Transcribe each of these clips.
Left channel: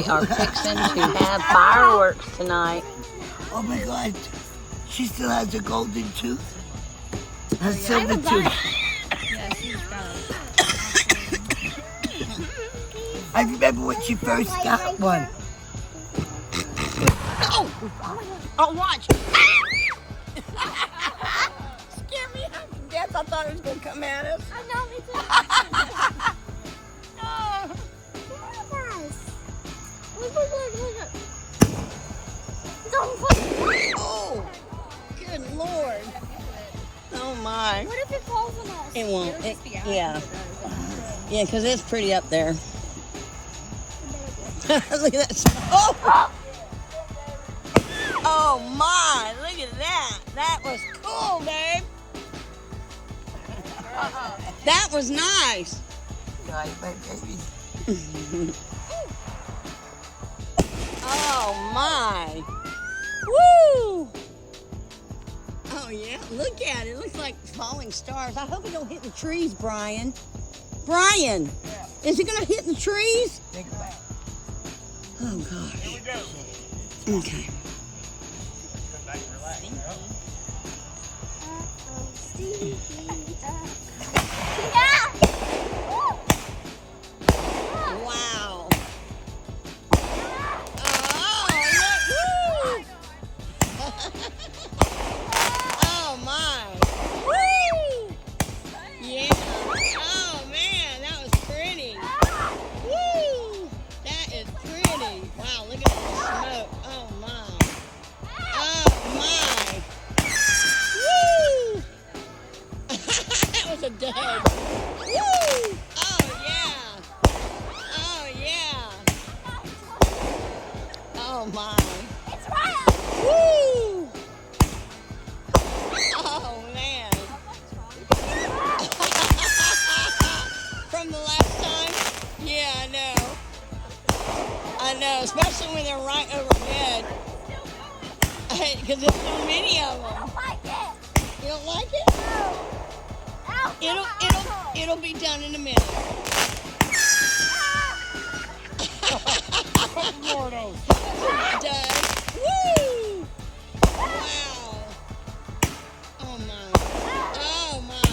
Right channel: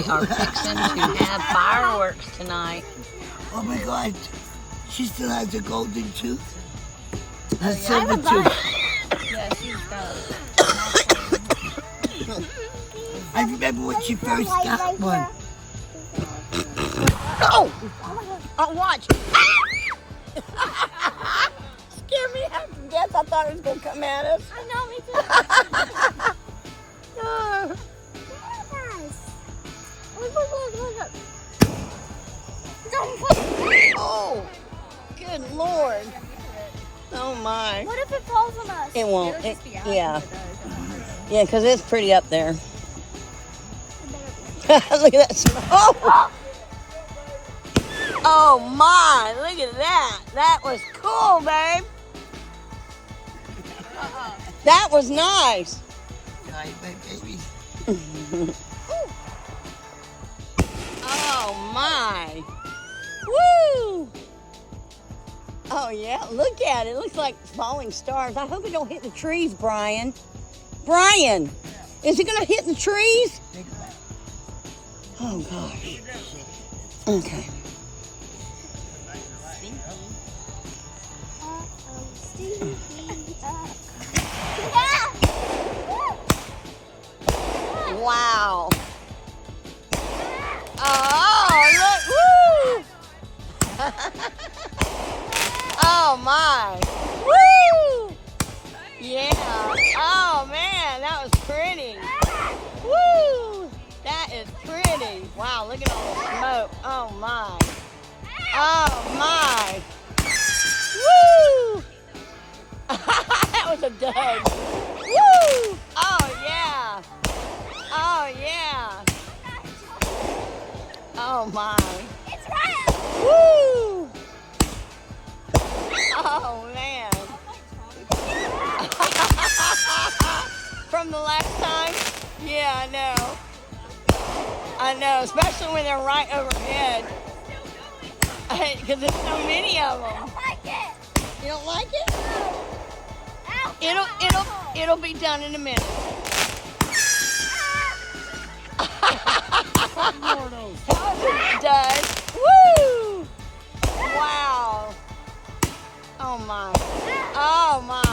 We are fixing to have fireworks tonight. Oh my God. She still has a golden tooth? A I silver have a tooth. Yeah, she's got I remember when she first got one. Oh! Oh, watch! Scared me half to death. I thought it was going to come at us. I know, me too. Look, look, look, look, look. Don't put Oh! Good Lord. Oh, my. What if it falls on us? It won't. It'll just be out Yeah. if it does. Yeah, because it's pretty up there. Look at that smoke. Oh my, look at that. That was cool, babe. That was nice. God, my babies. Oh my. Woo! Oh yeah, look at it. It looks like falling stars. I hope we don't hit the trees, Brian. Brian, is it gonna hit the trees? Think about it. Oh gosh. Okay. Wow. Oh, look. Woo! Oh, my. Woo! Yeah. Oh, man, that was pretty. Woo! That is pretty. Wow, look at all the smoke. Oh, my. Oh, my. Woo! That was a dud. Woo! Oh, yeah. Oh, yeah. Oh, my. It's Ryan. Woo! Oh, man. From the last time? Yeah, I know. I know, especially when they're right overhead. Because there's so many of them. Like it. You don't like it? It'll be done in a minute. Does. Woo! Wow. Oh my. Oh my.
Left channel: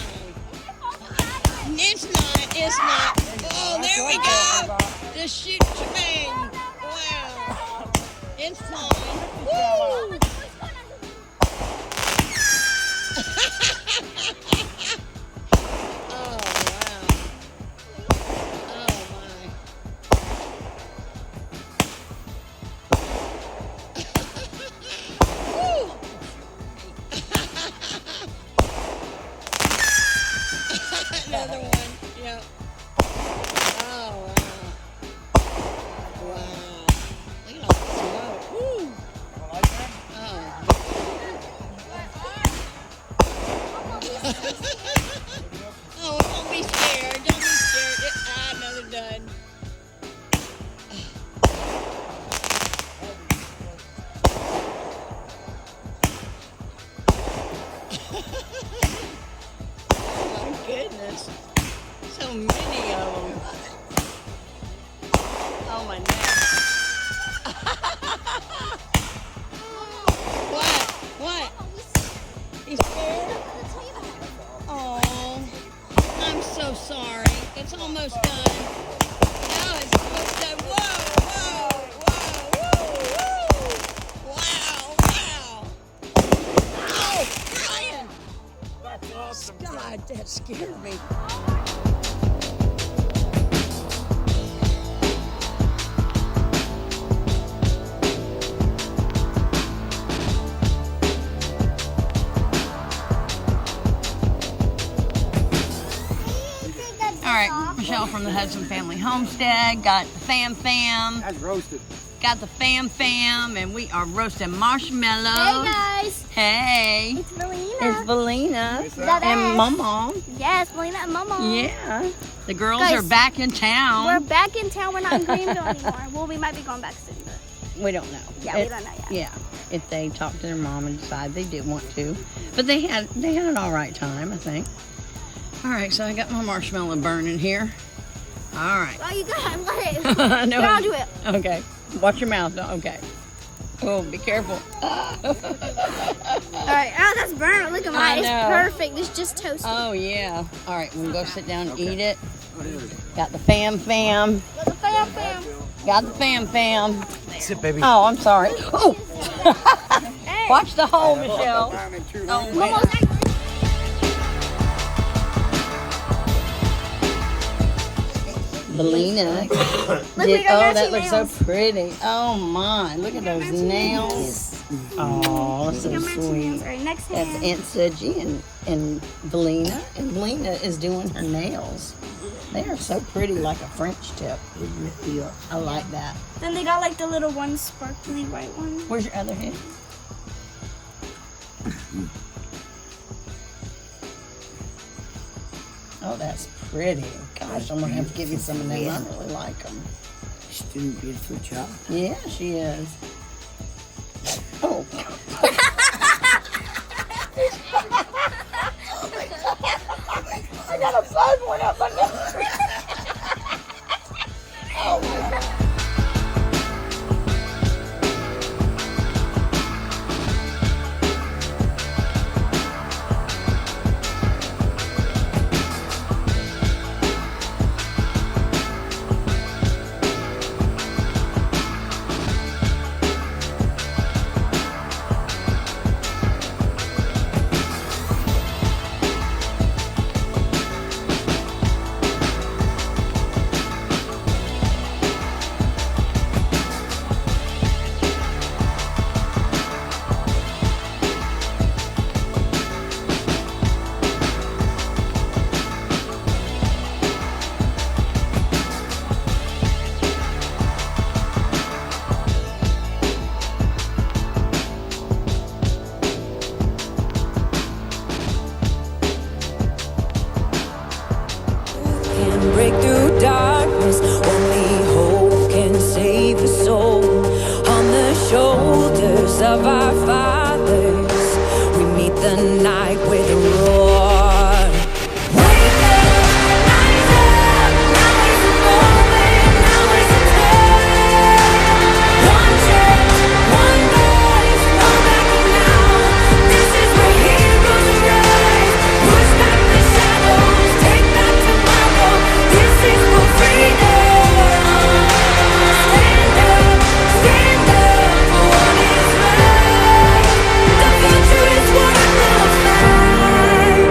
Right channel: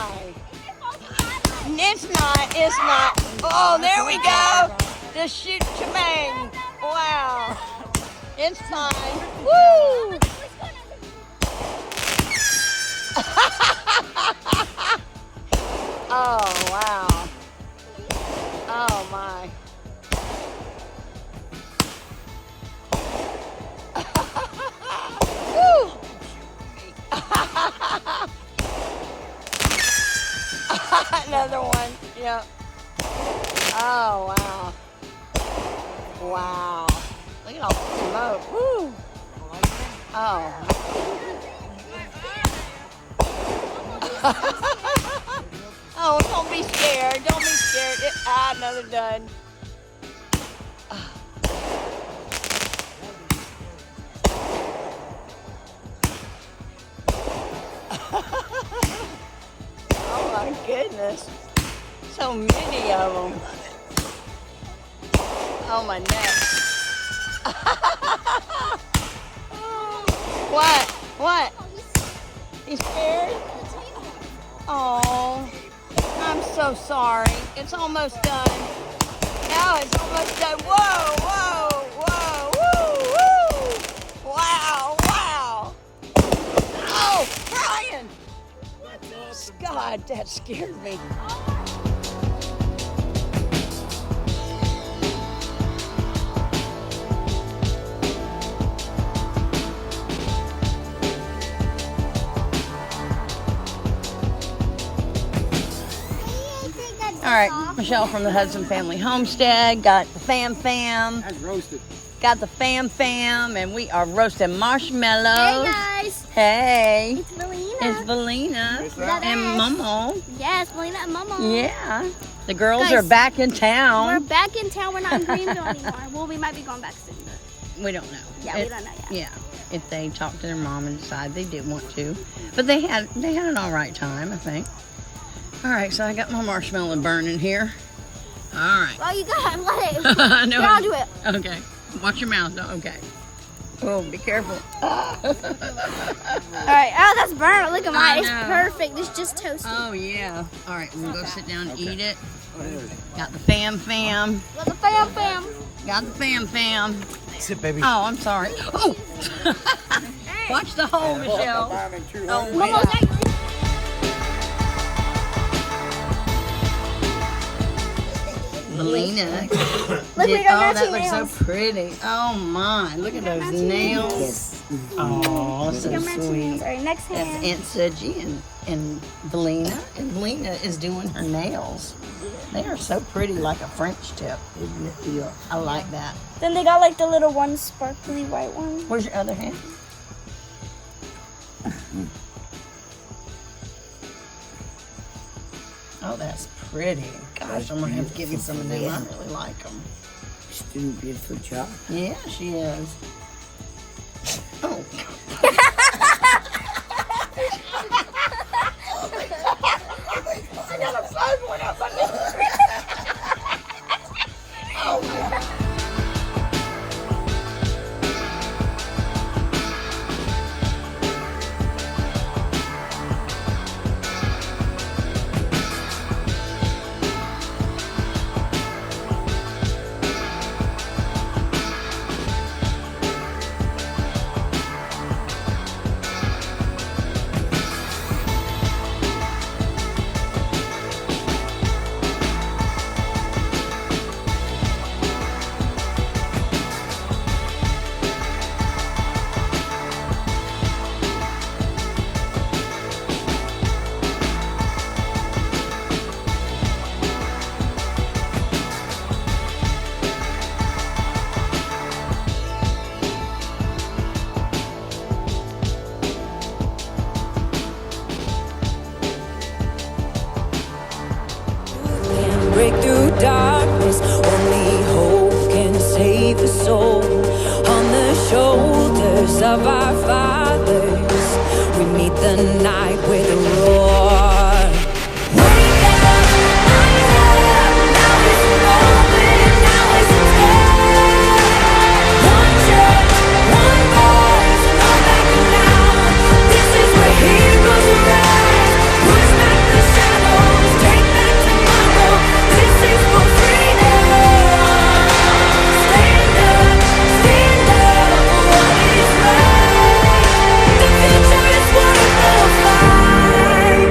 It's not. Oh, there we go. The shoot shebang. Wow. It's fine. Woo! Oh, wow. Oh, my. Woo! Another one. Yep. Oh, wow. Wow. Look at all the smoke. Woo! Oh. Oh, don't be scared. Don't be scared. Another dud. Oh my goodness. So many of them. Oh my neck. What? What? You scared? Oh, I'm so sorry. It's almost done. Now it's almost done. Whoa, whoa, whoa, woo, woo. Wow, wow. Oh, Brian. That's awesome. God, that scared me. All right, Michelle from the Hudson Family Homestead got the fam, That's roasted. got the fam, and we are roasting marshmallows. Hey guys, Hey, it's Melina. it's Valina Is that and us? Momo. Yes, Melina and Momo. Yeah, the girls Guys, are back in We're town. back in town. We're not in Greenville anymore. Well, we might be going back soon, but We don't know. yeah, we don't know yet. Yeah, if they talk to their mom and decide they did want to, but they had an all right time, I think. All right, so I got my marshmallow burning here. All right. Well, you got it. Let it. No. Get onto it. Okay. Watch your mouth. No, okay. Oh, be careful. Alright, oh, that's burnt. Look at I mine. It's know. perfect. It's just toasted. Oh, yeah. All right, we'll go sit down and eat it. Got the fam. With the fam. Got the fam. Sit, baby. Oh, I'm sorry. Oh. Watch the hole, Michelle. Oh, wait. Almost like Belina. Look, we got Oh, that matching looks nails. so pretty. Oh, my. Look at those nails. Oh, so Got matching nails. sweet. Alright, next That's hand. Aunt Suji and Belina. And Belina is doing her nails. They are so pretty, like a French tip. Isn't it? Yeah. I like that. Then they got like the little one sparkly white one. Where's your other hand? Oh, that's pretty. Gosh, I'm gonna have to give you some of them. I really like them. She's doing a beautiful job. Yeah, she is. Oh. I got a fun one up my nose. Oh my God. Can break through darkness, only hope can save a soul. On the shoulders of our fathers, we meet the night with a roar. Wake up, rise up, now is the moment, now is the time. One church, one voice, no backing now. This is where heroes rise. Push back the shadows, take back tomorrow. This is for freedom. Stand up for what is right. The future is worth the fight.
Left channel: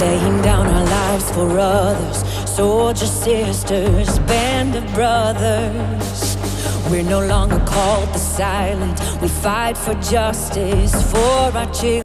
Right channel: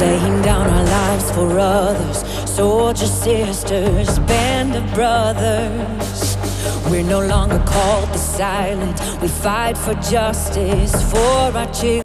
Laying down our lives for others, soldier sisters, band of brothers. We're no longer called the silent. We fight for justice for our children.